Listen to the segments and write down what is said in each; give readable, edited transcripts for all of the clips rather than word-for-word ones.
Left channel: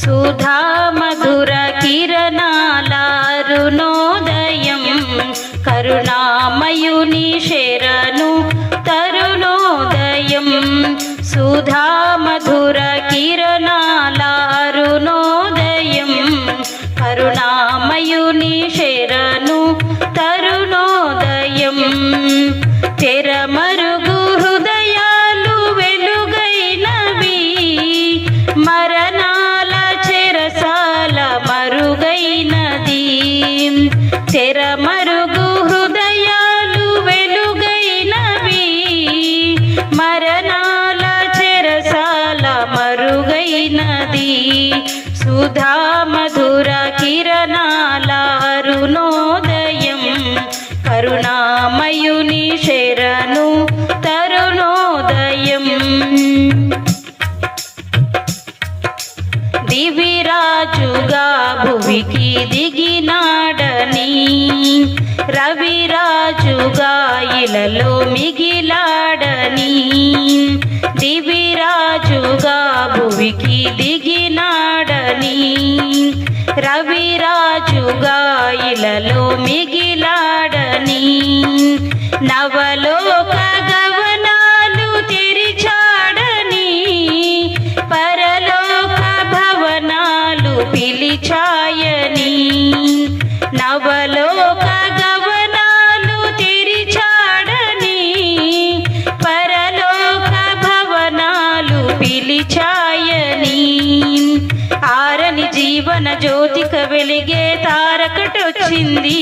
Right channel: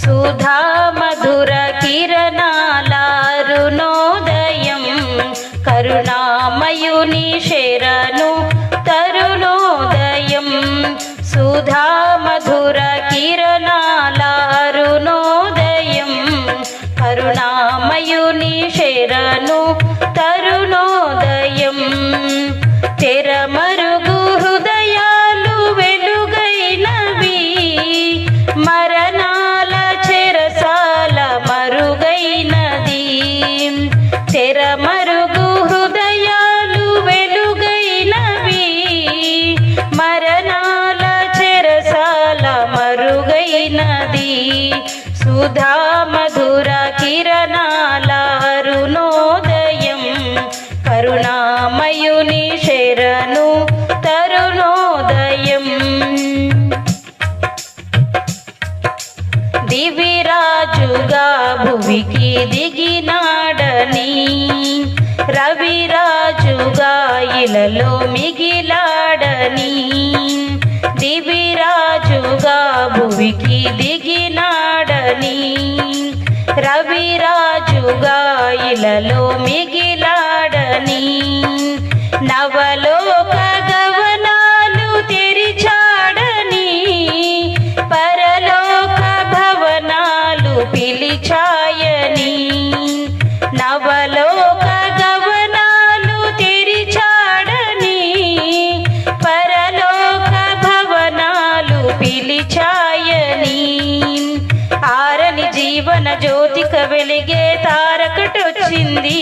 సుధా మధుర కిరణాల అరుణోదయం కరుణామయుని శరణు తరుణోదయం. సుధా మధుర కిరణాల అరుణోదయం కరుణామయుని శరణు తరుణోదయం. తెరమరుగు హృదయాలు వెలుగైనవి మరణాల చెరసాల మరుగైనది. తెరమరుగు హృదయాలు వెలుగైనవి మరణాల చెరసాల మరుగైనది. సుధా మధుర కిరణాల అరుణోదయం కరుణామయుని శరణు తరుణోదయం. దివిరాజుగా భువికి దిగినాడని రవిరాజుగా ఇలలో మిగిలాడని. దివిరాజుగా భువికి దిగినాడని రవిరాజుగా ఇలలో మిగిలాడని. నవలోక గవనాలు తెరిచాడని పరలోక భవనాలు పిలిచాయని. నవలోక గవనాలు తెరిచాడని పరలోక భవనాలు పిలిచాయని. ఆరని జీవన జ్యోతిక వెలిగే తారకటొచ్చింది.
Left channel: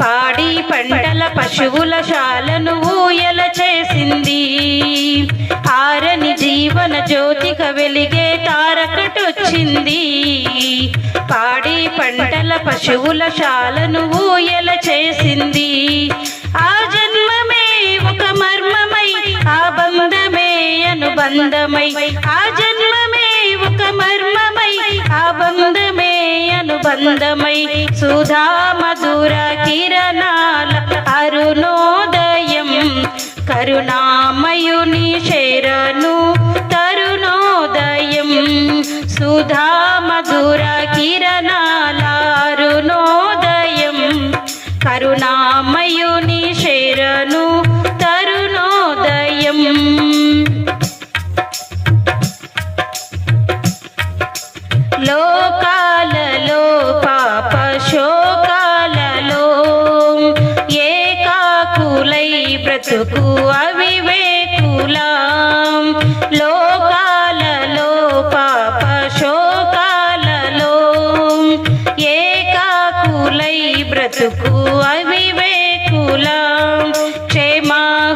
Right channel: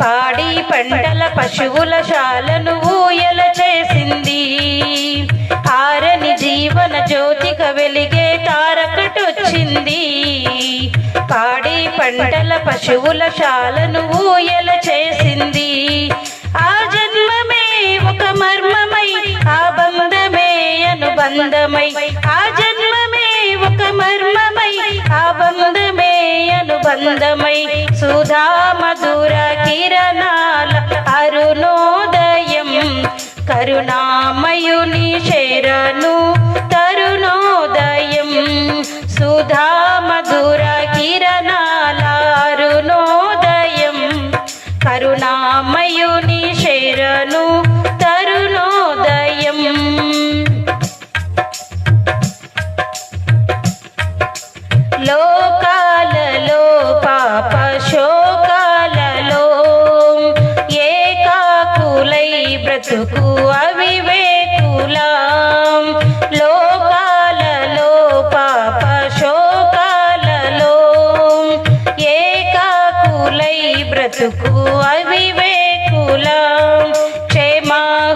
పాడి పంటల పశువుల శాలను ఊయల చేసింది. ఆరని జీవన జ్యోతిక వెలిగే తారకటొచ్చింది. పాడి పంటల పశువుల శాలను ఊయల చేసింది. ఆ జన్మమే ఒక మర్మమై ఆ బంధమే అనుబంధమై. ఆ జన్మమే ఒక మర్మమై ఆ బంధమే అనుబంధమై. సుధా మధుర కిరణాల అరుణోదయం కరుణామయుని శరణు తరుణోదయం. సుధా మధుర కిరణాల అరుణోదయం కరుణామయుని శరణు తరుణోదయం. లోకాలలో పాప శోకాలలో ఏకాకులై బ్రతుకు అవివేకులాం. లోకాలలో పాప శోకాలలో ఏకాకులై బ్రతుకు అవివేకులాం. క్షేమ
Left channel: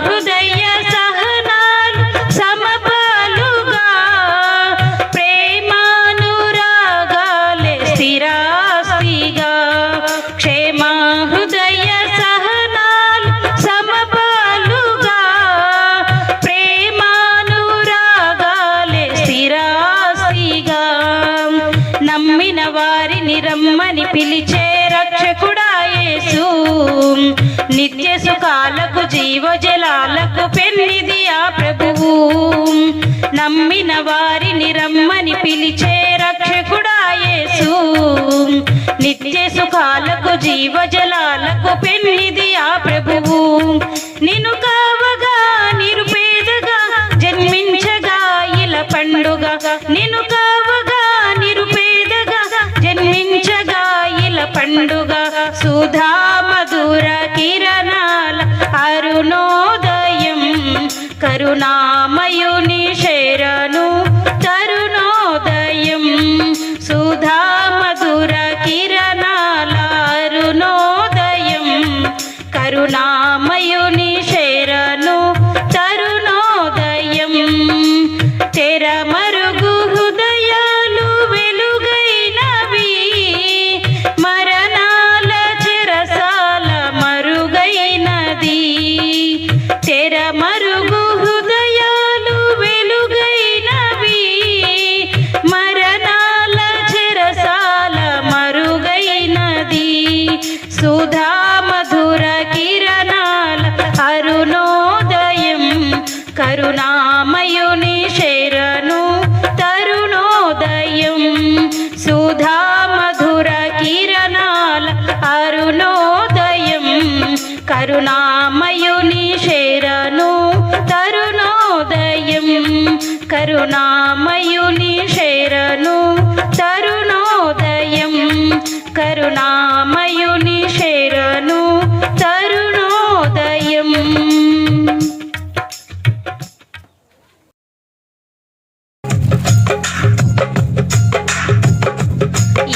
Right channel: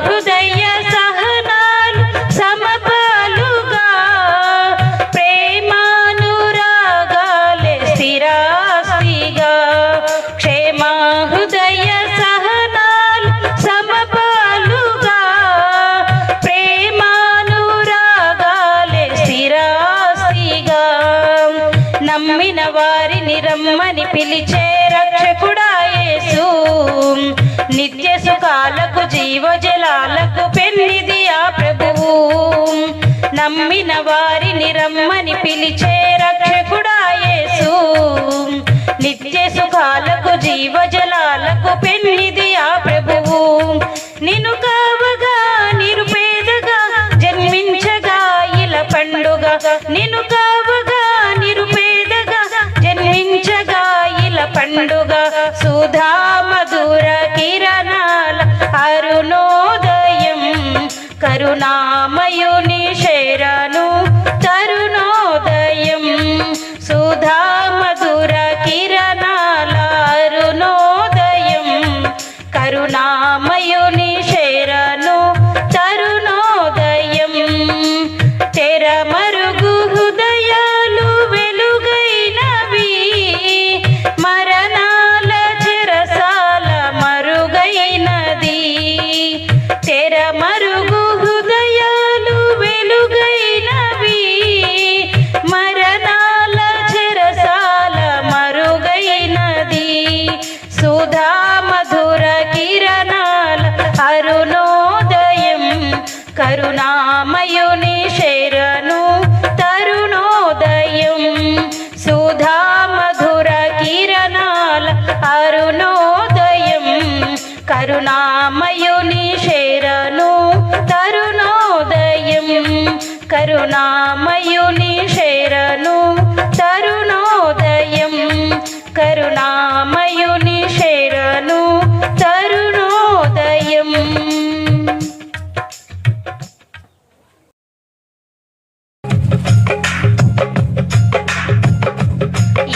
హృదయ సహనాలు సమపాలుగా ప్రేమానురాగాలే స్థిరాస్తిగా. క్షేమ హృదయ సహనాలు సమపాలుగా ప్రేమానురాగాలే స్థిరాస్తిగా. నమ్మిన వారిని రమ్మని పిలిచే రక్షకుడా యేసు. నిత్య సుఖాలకు జీవజలాలకు పెన్నిది ఆ ప్రభువు. నమ్మిన వారిని రమ్మని పిలిచే రక్షకుడా యేసు. నిత్య సుఖాలకు జీవజలాలకు పెన్నిది ఆ ప్రభువు. నిన్ను కావగా నిరుపేదగా జన్మించగా ఇల పండుగ. నిన్ను కావగా నిరుపేదగా జన్మించగా ఇల పండుగ. సుధా మధుర కిరణాల అరుణోదయం కరుణామయుని శరణు తరుణోదయం. కరుణామయుని శరణు తరుణోదయం, కరుణామయుని శరణు తరుణోదయం.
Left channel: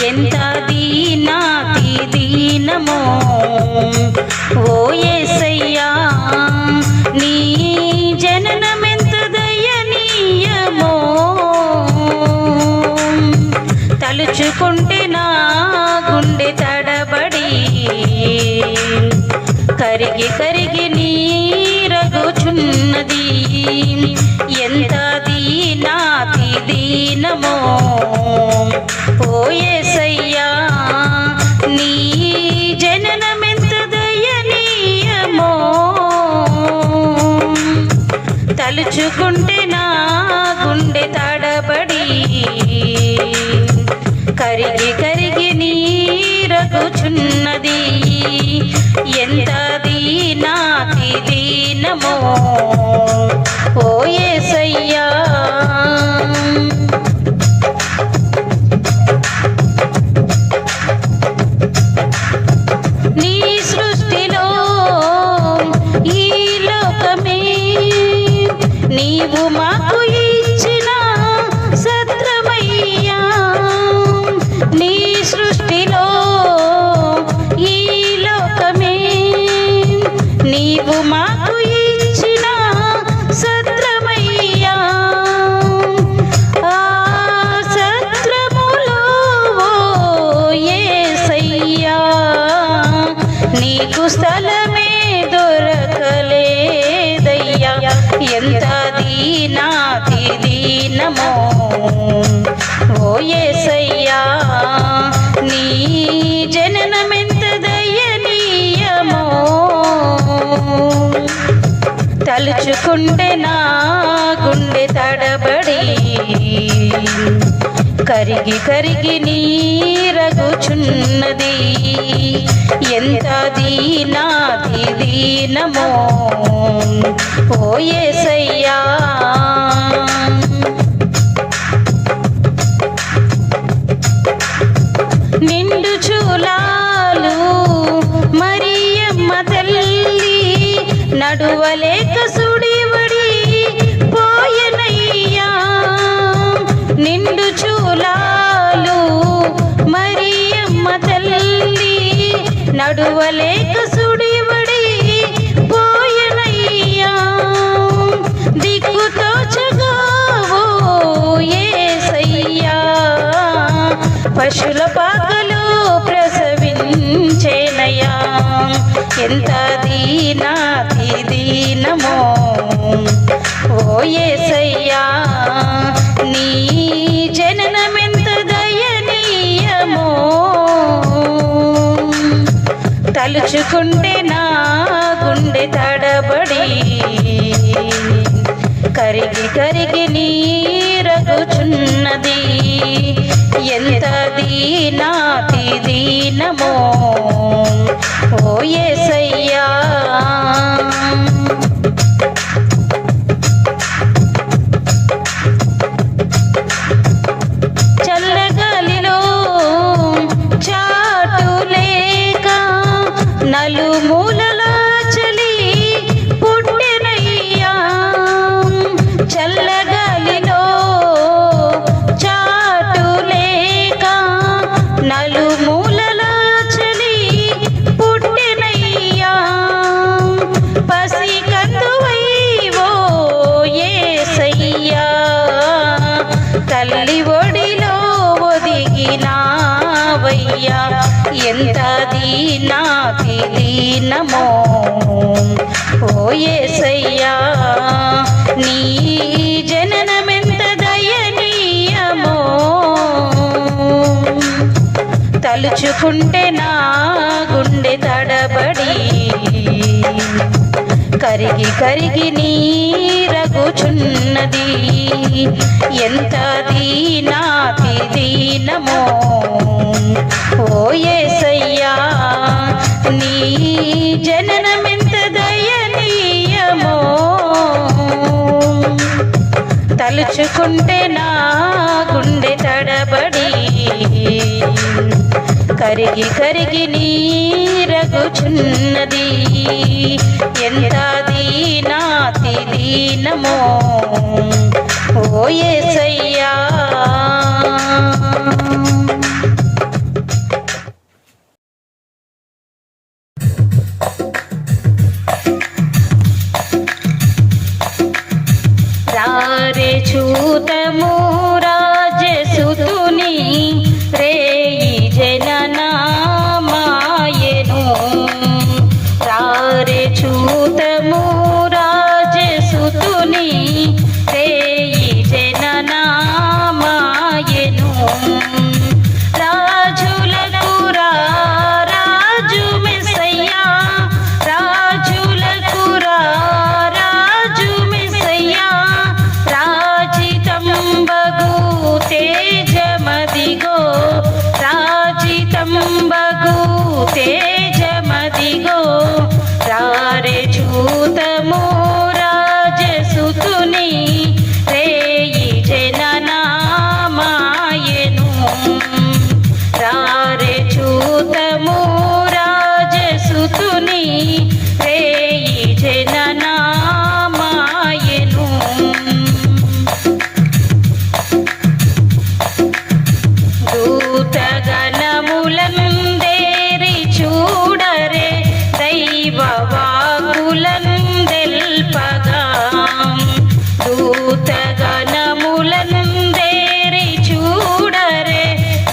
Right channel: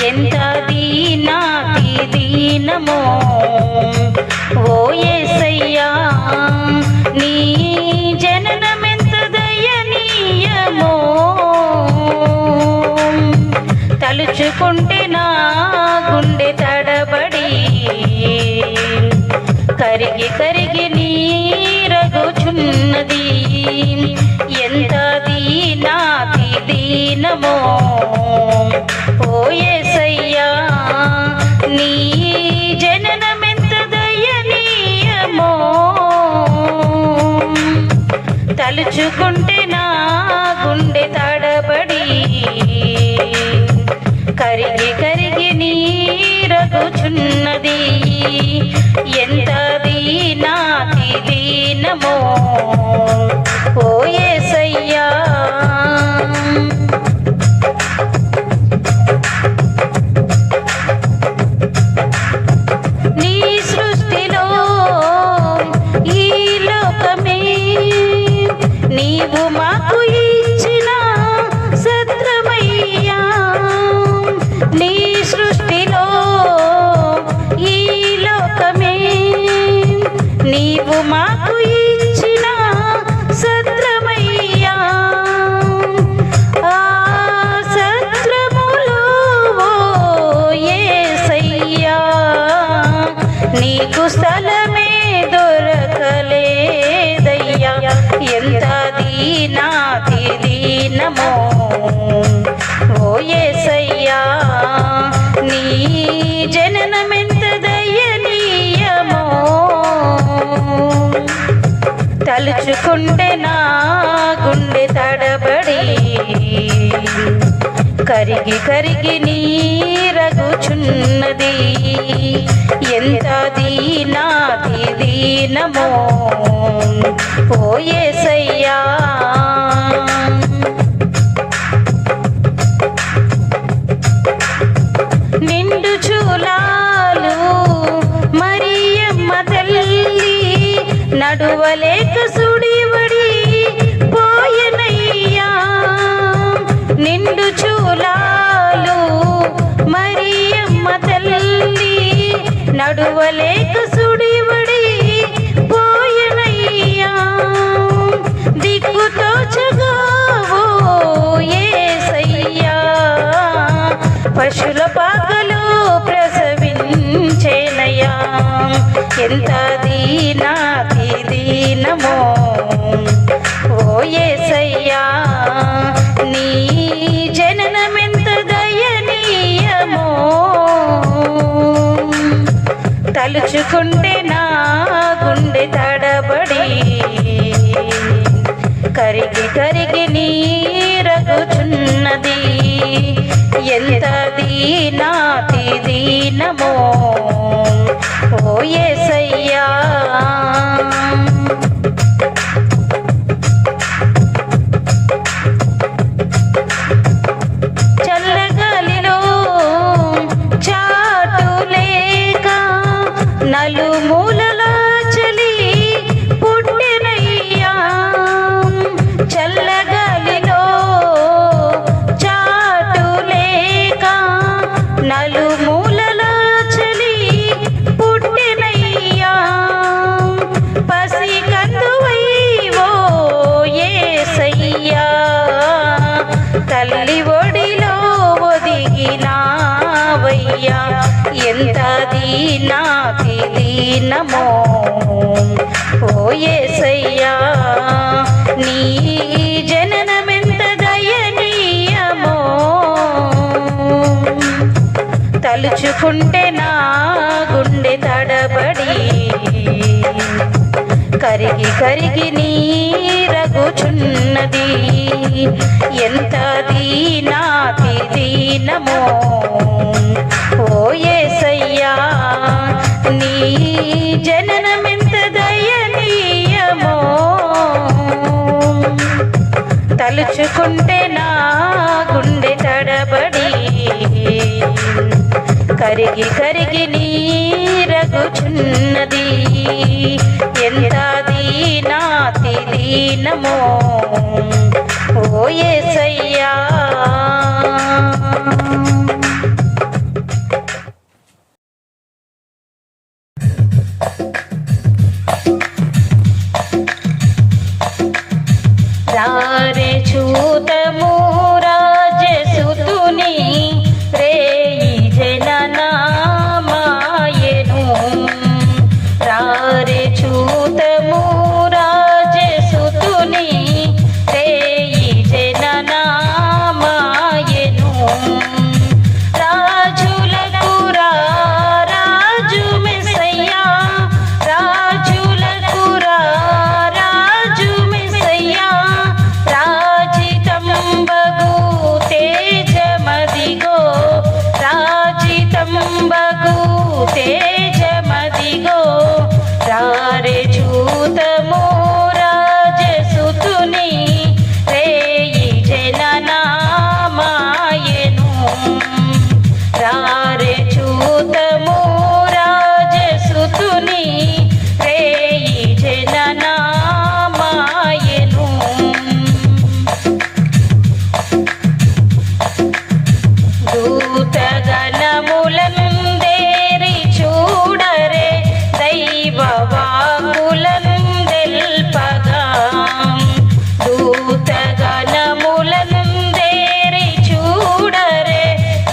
ఎంత దీనాతి దీనమో ఓ యేసయ్యా, నీ జననమెంత దయనీయమో, తలుచుకుంటే నా గుండె తడబడి కరిగి కరిగి నీరగుచున్నది. ఎంత దీనాతి దీనమో ఓ యేసయ్యా, నీ జననమెంత దయనీయమో, తలుచుకుంటే నా గుండె తడబడి కరిగి కరిగి నీరగుచున్నది. ఎంత దీనాతి దీనమో ఓ యేసయ్యా. నీ సృష్టిలో ఈ లోకమే నీవు మాకు ఇచ్చిన సత్రమయ్యా. నీ సృష్టిలో ఈ లోకమే నీవు మాకు ఇచ్చిన సత్రమయ్యా. ఆ సత్రములో యేసయ్యా, నీకు స్థలమే దొరకలేదయ్యా. ఎంత దీనాతి దీనమో ఓ యేసయ్యా, నీ జననమెంత దయనీయమో, తలుచుకుంటే నా గుండె తడబడి కరిగి కరిగి నీరగుచున్నది. ఎంత దీనాతి దీనమో ఓ యేసయ్యా. నిండు చూలాలు మరియమ్మ తల్లి నడువలేక సుడివడి పోయనయ్యా. నిండు చూలాలు మరియమ్మ తల్లి నడువలేక సుడివడి పోయనయ్యా. దిక్కుతో చగావో యేసయ్యా, పశుల పాకలో ప్రసవించేనయ్యా. ఎంత దీనాతి దీనమో ఓ యేసయ్యా, నీ జననమెంత దయనీయమో, తలుచుకుంటే నా గుండె తడబడి కరిగి కరిగి నీరగుచున్నది. ఎంత దీనాతి దీనమో ఓ యేసయ్యా. చల్లగాలిలో చాటు లేక నలుమూలల చలి పుట్టినయ్యా. చల్లగాలిలో చాటు లేక నలుమూలల చలి పుట్టినయ్యా. పసి కందువైవో యేసయ్యా, తల్లి ఒడిలో ఒదిగినావయ్యా. ఎంత దీనాతి దీనమో ఓ యేసయ్యా, నీ జననమెంత దయనీయమో, తలుచుకుంటే నా గుండె తడబడి కరిగి కరిగి నీరగుచున్నది. ఎంత దీనాతి దీనమో ఓ యేసయ్యా, నీ జననమెంత దయనీయమో, తల తలుచుకుంటే నా గుండె తడబడి కరిగి కరిగి నీరగుచున్నది. ఎంత దీనాతి దీనమో ఓ యేసయ్యా. రారే చూతము రాజసుతుని రేయి జననామాయెను. రారే చూతము రాజసుతుని రేయి జననామాయెను. రాజులకు రాజు మెస్సయ్యా, రాజులకు రాజు మెస్సయ్యా. రాజితంబగు తేజమదిగో, రాజితంబగు తేజమదిగో. రారే చూతము రాజసుతుని రేయి జననామాయెను. రారే చూతము రాజసుతుని రేయి జననామాయెను. దూతగణములందేరి చూడరే దైవవాకులందెల్పగా. దూతగణములందేరి చూడరే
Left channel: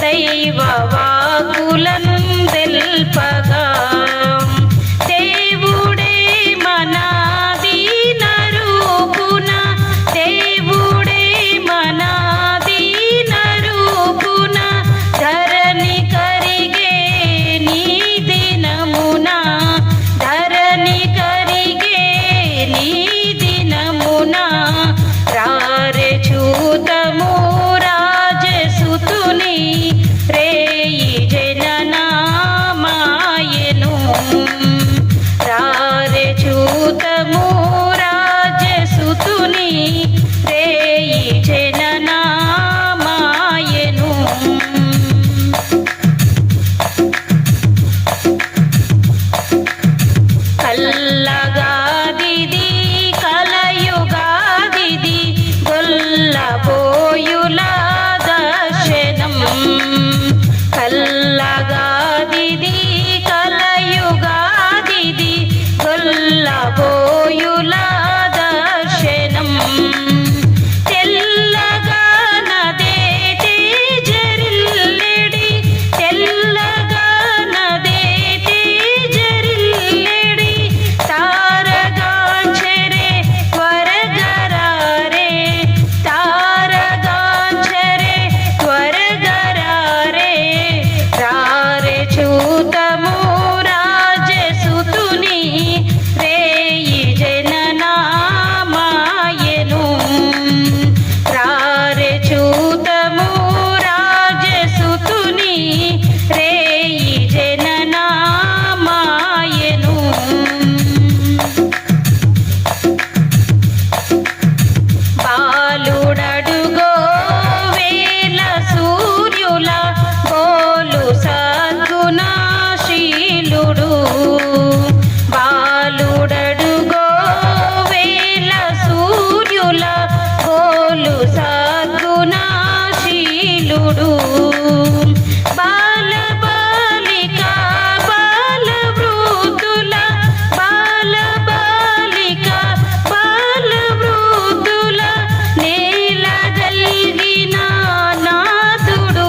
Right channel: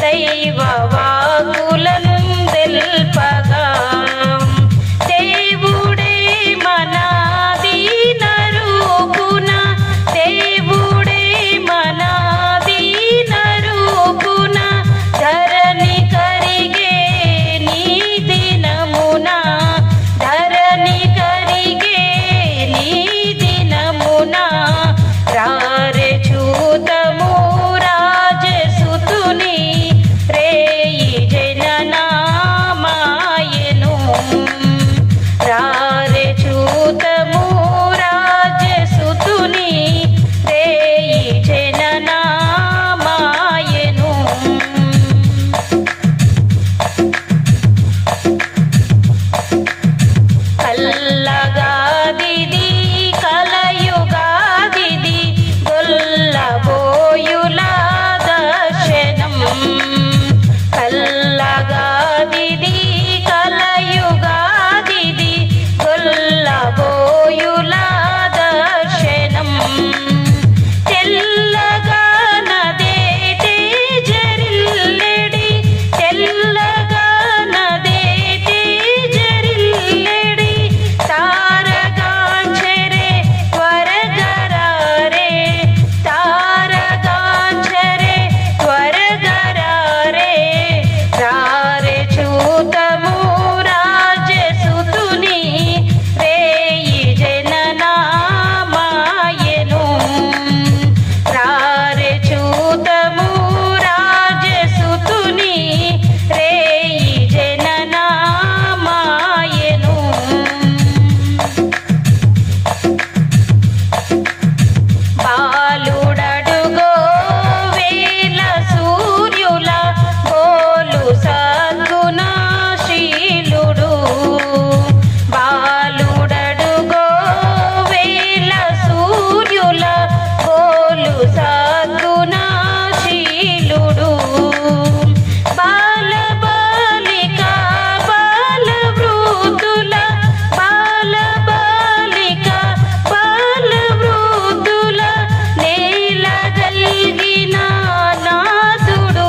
దైవవాకులందెల్పగా. దేవుడే మన దీనరూపున, దేవుడే మన దీనరూపున. ధరణి కరిగే నీ దినమున, ధరణి కరిగే నీ దినమున. రారే చూతము రాజసుతుని రేయి జననామాయెను. రారే చూతము రాజసుతుని రేయి జననామాయెను. కల్లగాదిది కలయుగాదిది గొల్లబోయుల దర్శనం. కల్లగాదిది కలయుగాదిది గొల్లబోయుల దర్శనం. తెల్లగా నదే తేజరిల్లెడి, తెల్లగా నదే తేజరిల్లెడి. తారగాంచెరే త్వరగరారే, తారగాంచెరే త్వరగరారే. రారే చూతము రాజసుతుని రేయి జననామాయెను. రారే చూతము రాజసుతుని రేయి జననామాయెను. బాలుడడుగో వేల సూర్యుల గోలు సద్గుణశీలుడు. బాలుడడుగో వేల సూర్యుల గోలు సద్గుణశీలుడు. బాలబాలిక బాలవృద్ధుల, బాలబాలిక బాలవృద్ధుల నేలగల్గిన నాదుడు,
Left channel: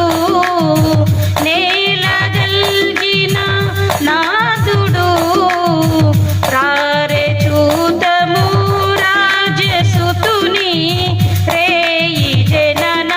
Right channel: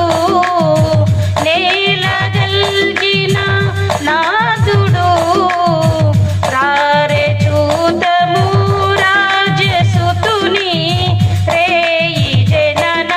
నేలగల్గిన నాదుడు. రారే చూతము రాజసుతుని రేయి జననామాయెను.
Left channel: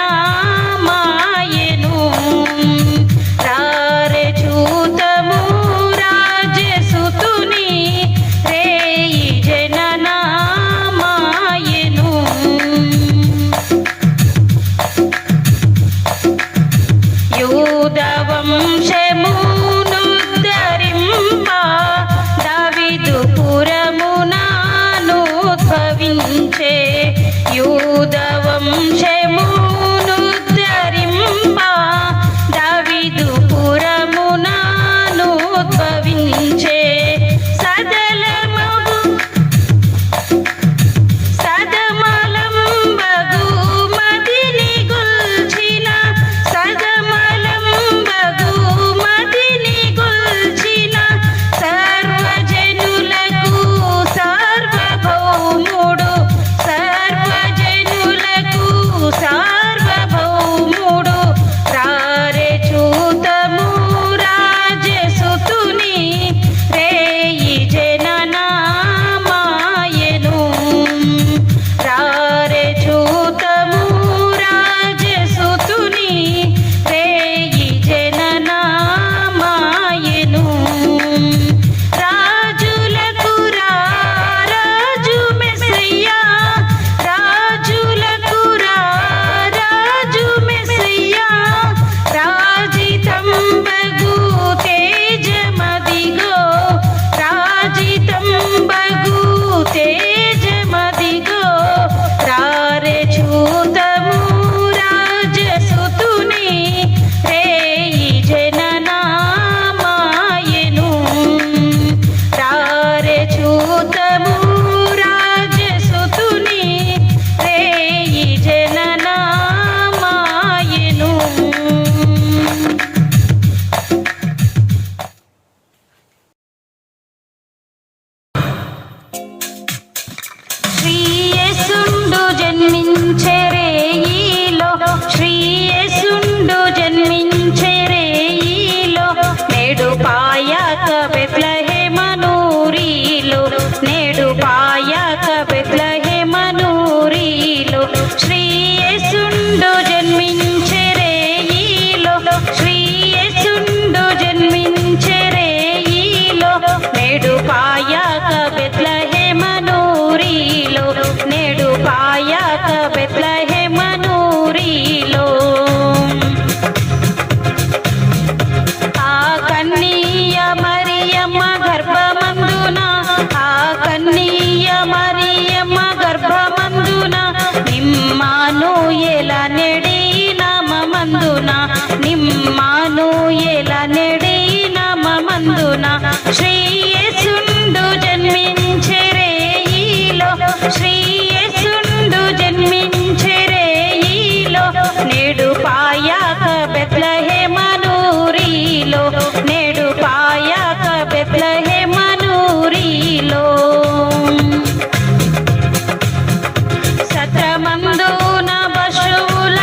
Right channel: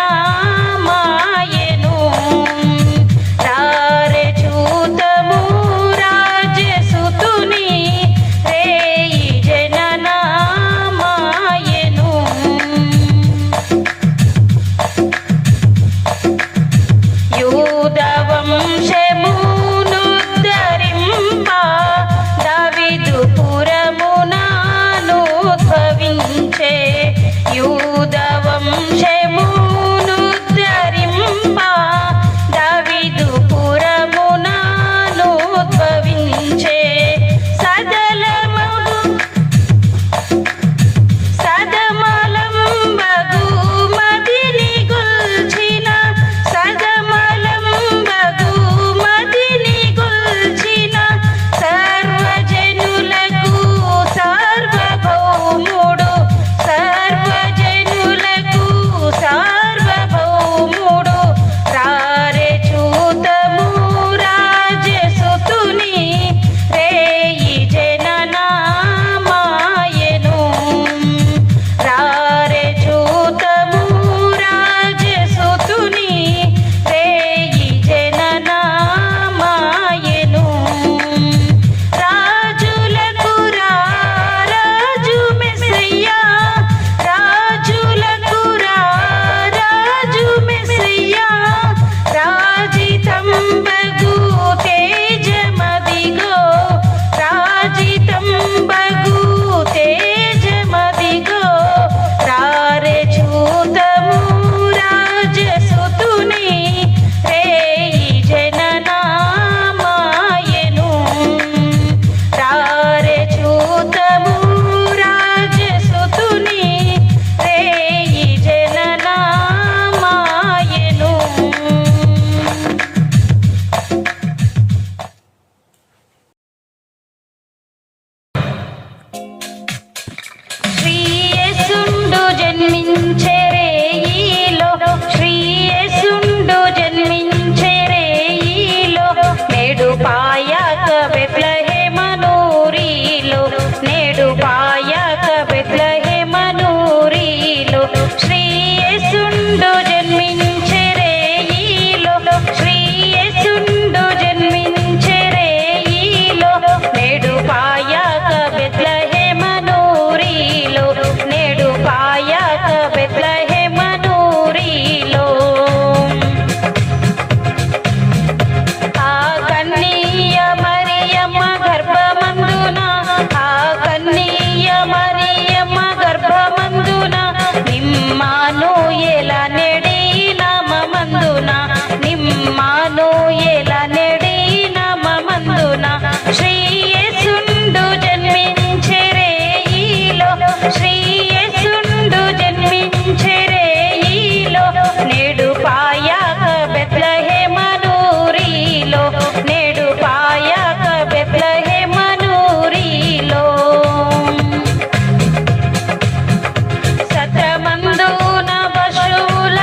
నెడి నామందున నిమ్మాను ఎల నెడి నామందున శ్రీ యేసుండు జన్మించెరే ఈలో శ్రీ యేసుండు జన్మించెరే ఈలో నేడు పాయక బెత్లెహేమనూరిలో నేడు పాయక బెత్లెహేమనూరిలో సత్రమందున పశువుల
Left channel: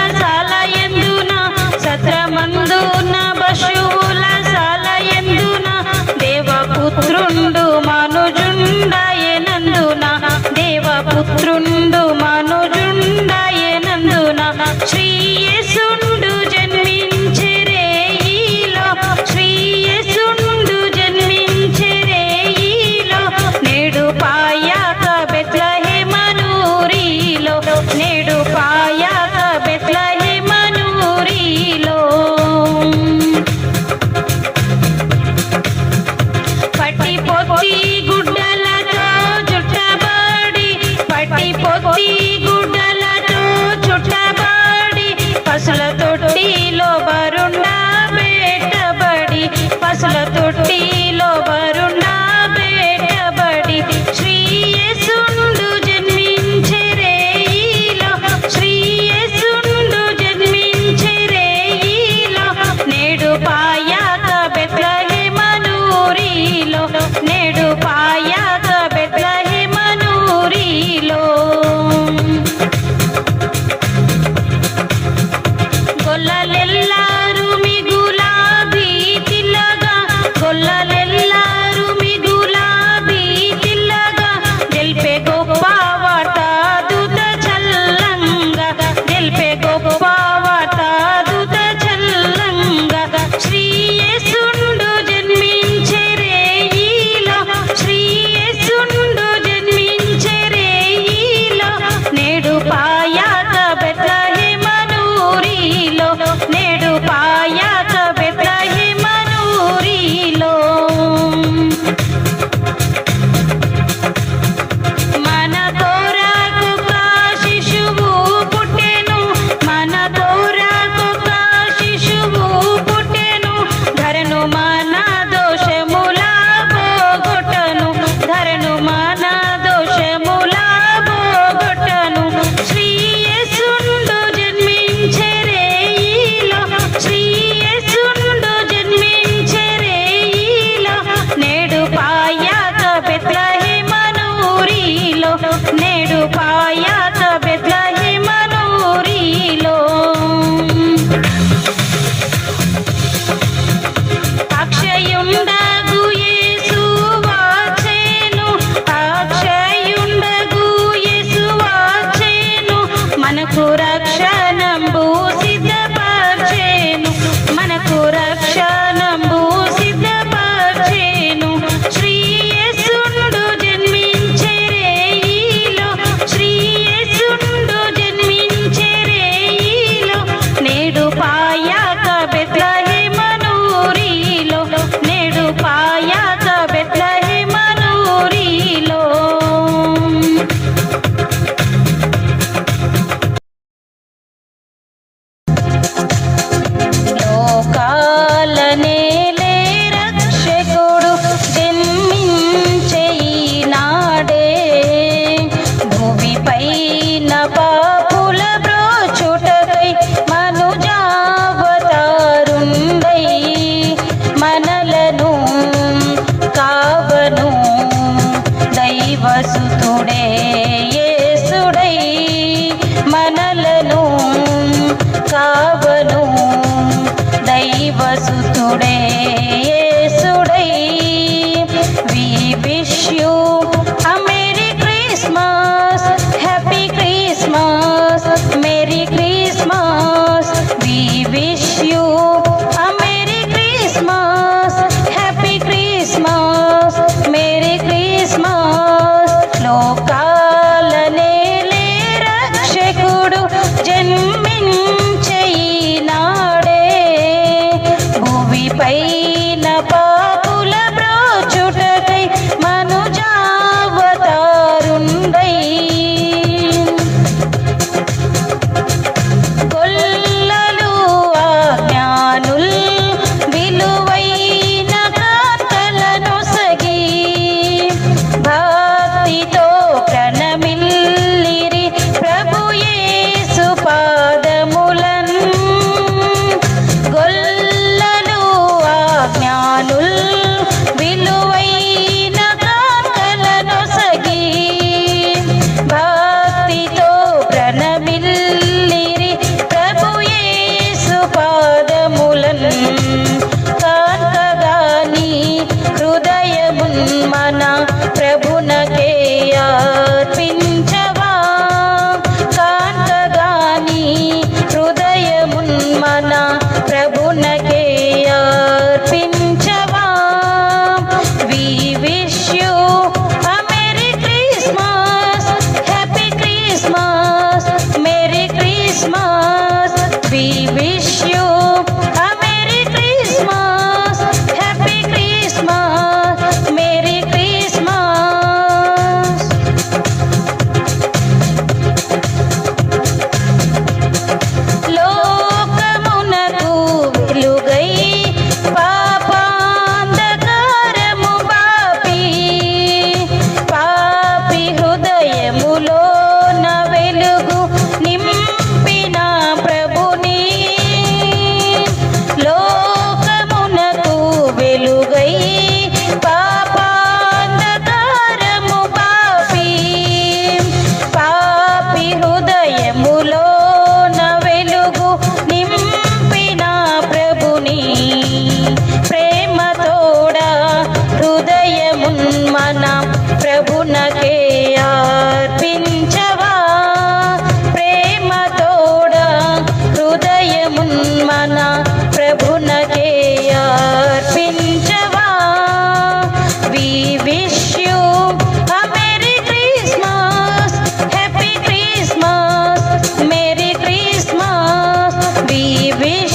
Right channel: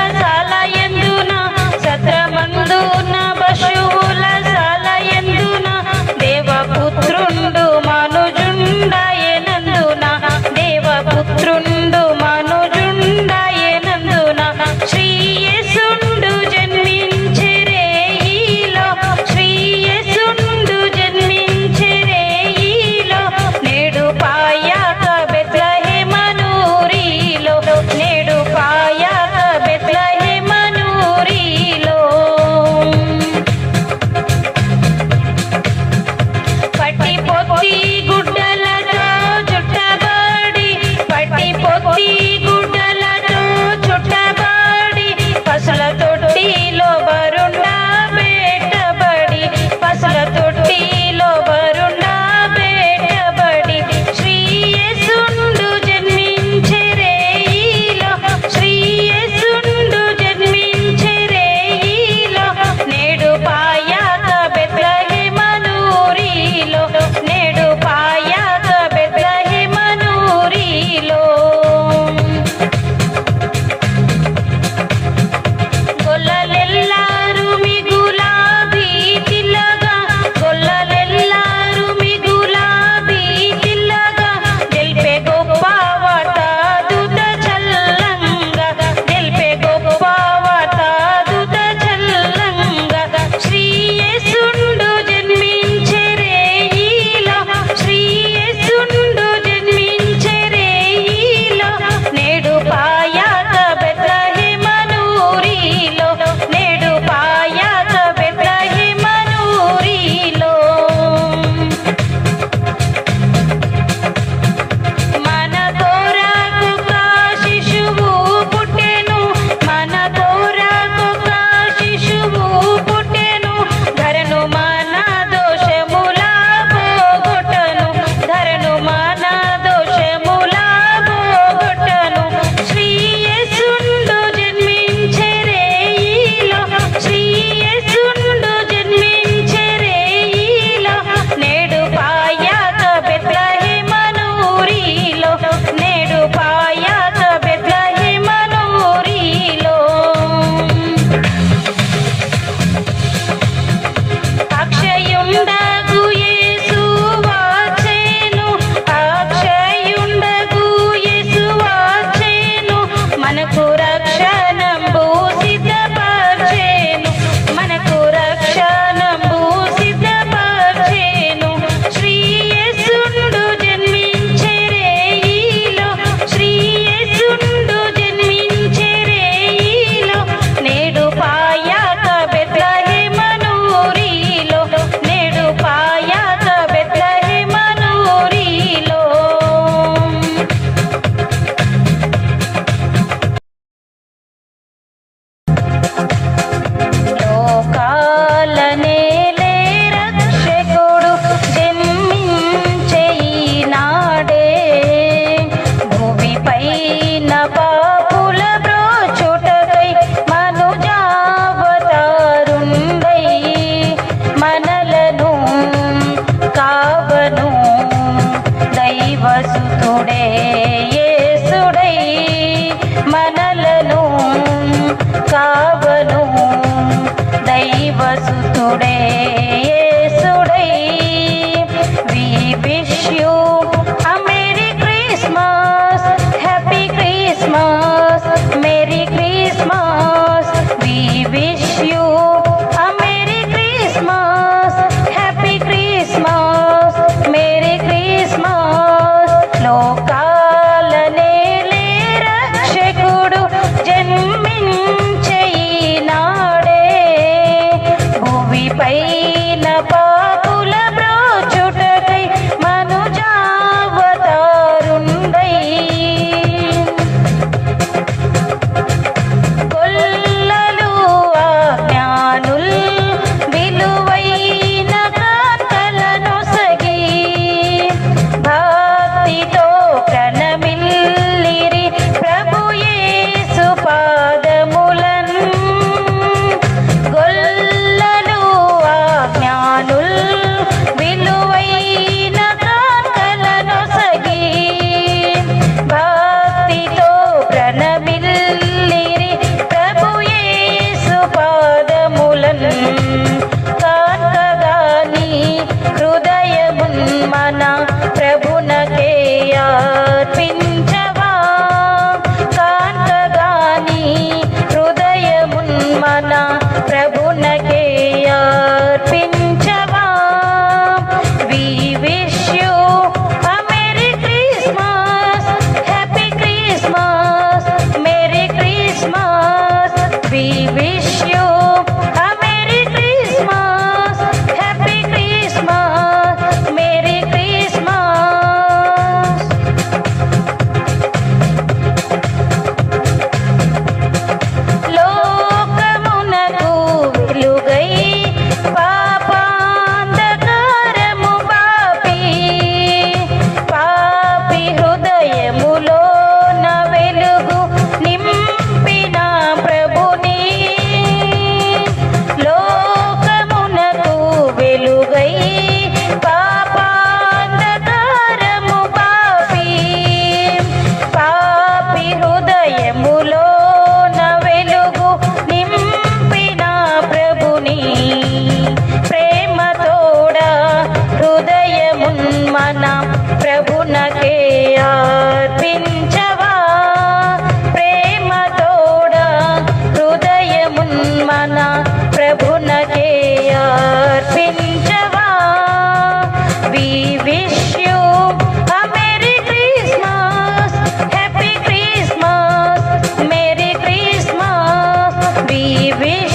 దీవెనలతో